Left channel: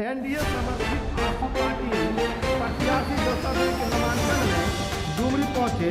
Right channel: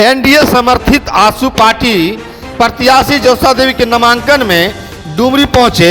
NDA समर्थित आसू party प्रत्याशी ज्योत्सा देवी के नामांकन में डुमरी पहुंचे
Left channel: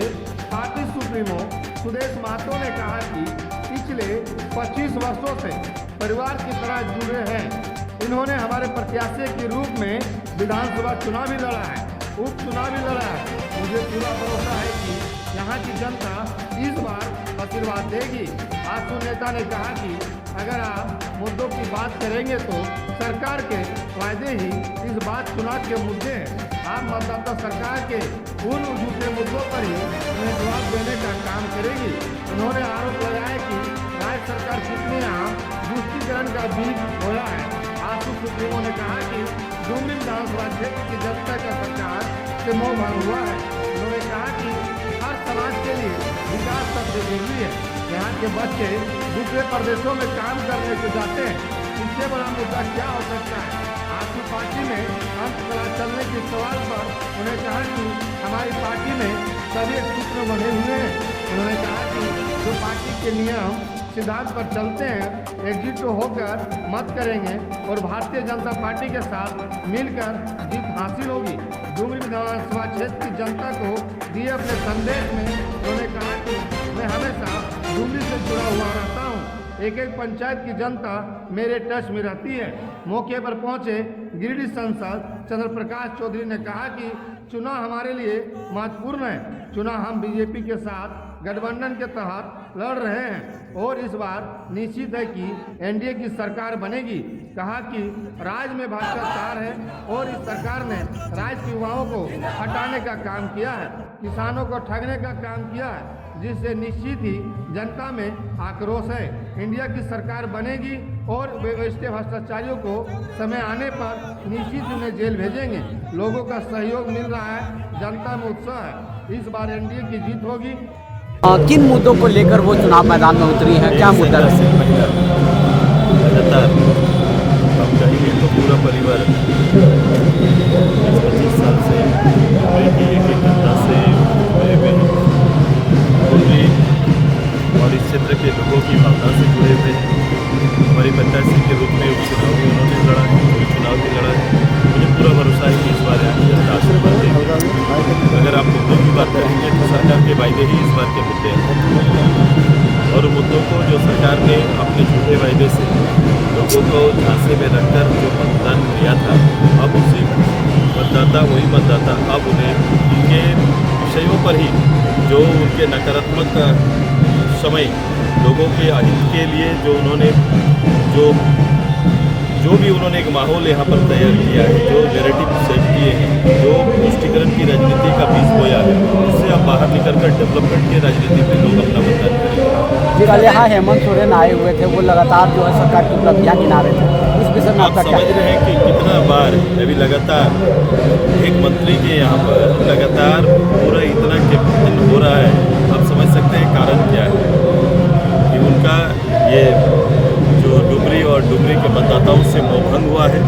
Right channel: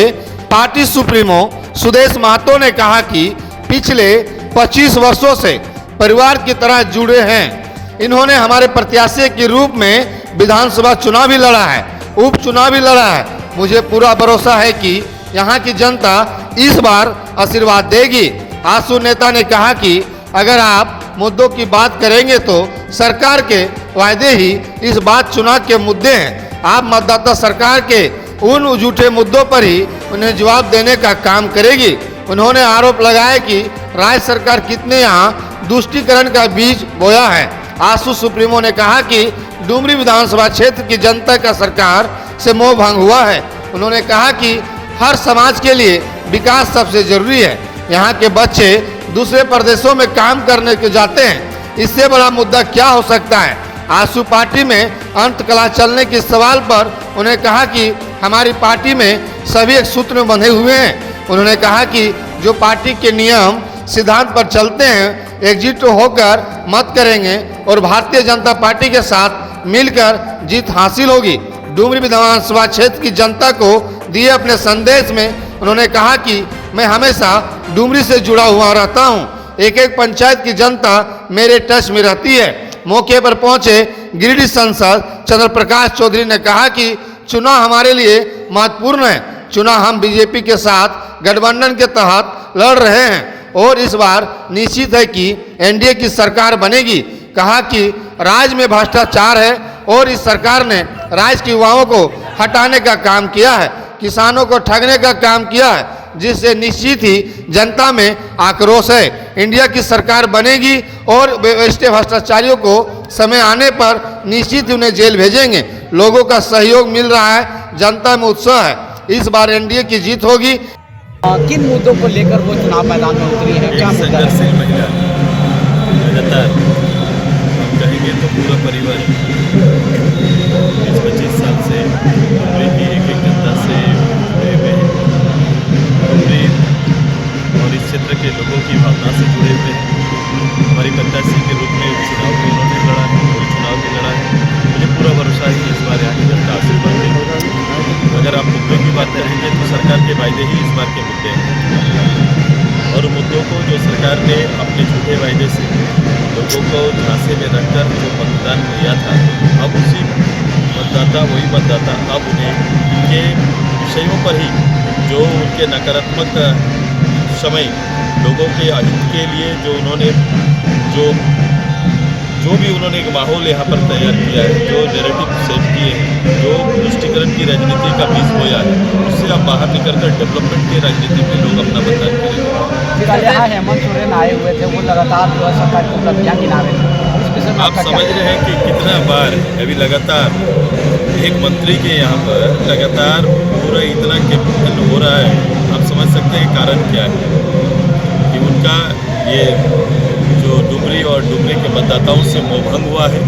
पार्टी सुप्रीमो सुदेश महतो ने कहा कि पिछले 25 वर्षों से परिवार की तरह जुड़े हैं। इन्होंने हमारे प्रत्याशी के रूप में विधानसभा चुनाव भी लड़ा है, उपचुनाव भी लड़ा है। मुझे पूरा भरोसा है कि यहाँ की जनता इस बार आशीर्वाद देगी। आसू नेता ने कहा कि अगर आप मुद्दों की बात करेंगे तो सरकार के वायदे ही इस बात चुनाव के मुद्दे हैं। आप मतदाता सरकार के उन झूठे मुद्दों पर ही उन्हें जवाब देने का काम करेगी। उन्होंने आरोप लगाया कि राज्य सरकार कितने यहाँ तुष्टीकरण का बीज बोया है। आसू सुप्रीमो ने कहा कि डुमरी विधानसभा क्षेत्र की जनता का सरकार से मोह भंग हुआ है। उन्होंने कहा कि हर समाज के लिए विकास सबसे जरूरी है। यहाँ के बच्चे दूसरे प्रदेशों में काम करने के जाते हैं, इससे बड़ा मुद्दा क्या हो सकता है। आसू पार्टी में अंत कला चलने के सवाल पर उन्होंने कहा कि हमारी पार्टी में सभी एक सूत्र में बंधे हुए हैं। उन्होंने कहा कि जो पार्टी के नियम सिद्धांत पर चलते हैं, एकजुट होकर मत करेंगे और भारतीय जनता पार्टी के साथ मिलकर जीत हासिल होगी। डुमरी विधानसभा क्षेत्र की जनता को दिए अपने संदेश में उन्होंने कहा कि मैं हमेशा डुमरी से जुड़ा हुआ रहता हूँ। एक एक पंचायत की जनता मेरे टच में रहती है। मौके पर पहुंचे गिरिडीह सांसद चंद्र प्रकाश चौधरी ने कहा कि चुनाव हमारे लिए महत्वपूर्ण है। चुनाव हम बीजेपी के साथ गठबंधन के तहत लड़ रहे हैं और इस बार निश्चित है कि एनडीए की सरकार बनेगी। कहा कि राज्य में भ्रष्टाचार है और इस सरकार ने राज्य के युवाओं को हटाने का काम किया है, किसानों को ठगने का काम किया है, जिससे निश्चित ही जनता में आक्रोश है। इंडिया की सरकार बनेगी और भ्रष्टाचारियों को समय आने पर निश्चित उन्हें जेल भेजेंगे। लोगों का सहयोग मिल रहा है, जनता में उत्साह है। इस बार एनडीए की जीत होगी। किन मुद्दों को लेकर वो चुनाव मैदान में उतरी है, क्या मुद्दा है? महिला लगातार हम कहेंगे तो पूरा परिवार 20-25 साल से डुमरी की एक जनता से जुड़े हुए हैं। डुमरी और इस क्षेत्र के लोगों की भावना से जुड़े हुए हैं। हमारी प्रत्याशी के रूप में उपचुनाव भी उन्होंने लड़ा है, चुनाव भी लड़ा है। मुझे पूरा भरोसा है कि इस बार यहाँ की जनता आशीर्वाद देगी। अगर आप मुद्दों की बात करेंगे तो सरकार के वायदे ही इस बार के मुद्दे हैं और मुद्दों को जो सरकार ने अपने झूठे वायदे से लोगों को झांसे में रखकर जो मतदान लिया था, अब उसी मतदाता वही मतदाता अब उन्हें उनके विषयों पर ही जो उनके नकारात्मक समय लोगों के हित के लिए जो उन्होंने जो भी उन्होंने एक माहौल यहाँ पर तैयार किया है, जो नैरेटिव सेट किए हैं, जो तुष्टीकरण की राजनीति का बीज बोया है, उससे आप बाहर निकलकर डेवलपमेंट की राजनीति में लोग अपना मतदान करेंगे। हेमंत सोरेन आए हुए थे, वो लगातार जो है सरकार की उपलब्धियां गिना रहे थे, उस विषय में आप समझ रहे हैं कि कितना बार अभी लगातार एक मंत्री के यहाँ पर लगातार पूरा इतना कैंपेन हो रहा है। आप समझ सकते हैं कारण क्या है कि उनका ये जो डुमरी और डुमरी के मतदाताओं से मोहभंग हुआ है,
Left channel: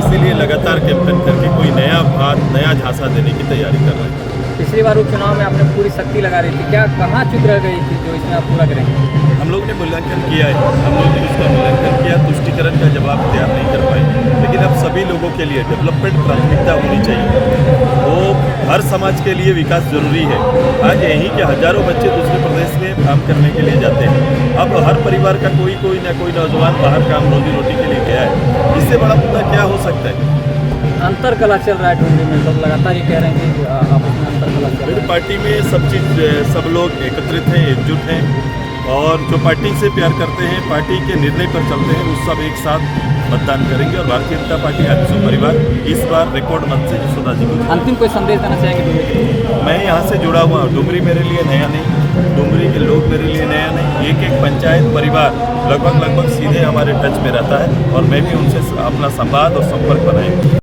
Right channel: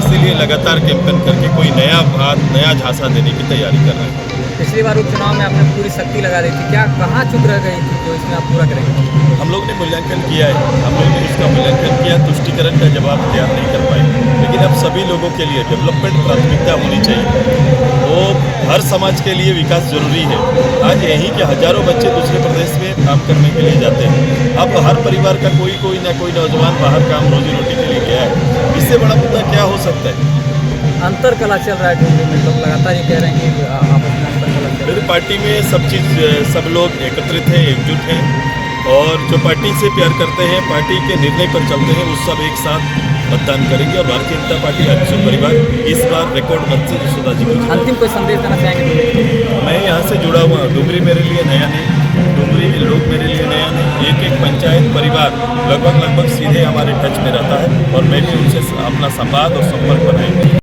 इसीलिए लगातार कैंपेन करके कोई नया बात नया झांसा देने की तैयारी कर रहे हैं। पिछली बार उपचुनाव में आपने पूरी शक्ति लगा रही थी, क्या कहाँ चुप रह गई थी जो इसमें आप पूरा करेंगे? हम लोग ने मूल्यांकन किया है, हम लोग ने उसका मूल्यांकन किया, तुष्टीकरण का जवाब तैयार नहीं कर पाए। लेकिन अब सभी लोगों के लिए डेवलपमेंट प्राथमिकता होनी चाहिए। वो हर समाज के लिए विकास जरूरी है। आज यहीं के हजारों बच्चे दूसरे प्रदेश में काम करने के लिए जाते हैं। अब हर परिवार का कोई ना कोई नौजवान बाहर काम रोजी रोटी के लिए गया है। इससे बड़ा मुद्दा क्या हो सकता है? अंतर कला चल रहा है डुमरी में, लोग लगातार ये कह रहे हैं कि मेरी पार्टी में सब लोग एकत्रित हैं, एकजुट हैं और जो पार्टी से प्यार करते हैं, पार्टी के निर्णय पर चलते हैं, उस सब एक साथ मतदान करेंगे और भारतीय जनता पार्टी आजसू परिवार इस बार रिकॉर्ड मत से यशोदा जी को। अंतिम कोई संदेश देना चाहेंगे? मैं यहाँ से जुड़ा हुआ हूँ। डुमरी मेरे लिए नया नहीं, डुमरी के लोग मेरे लिए नया नहीं। एक पंचायत परिवार लगभग सीधे हमारे टच में रहता है और मैं भी उनसे अपना संवाद और संपर्क बनाएंगे।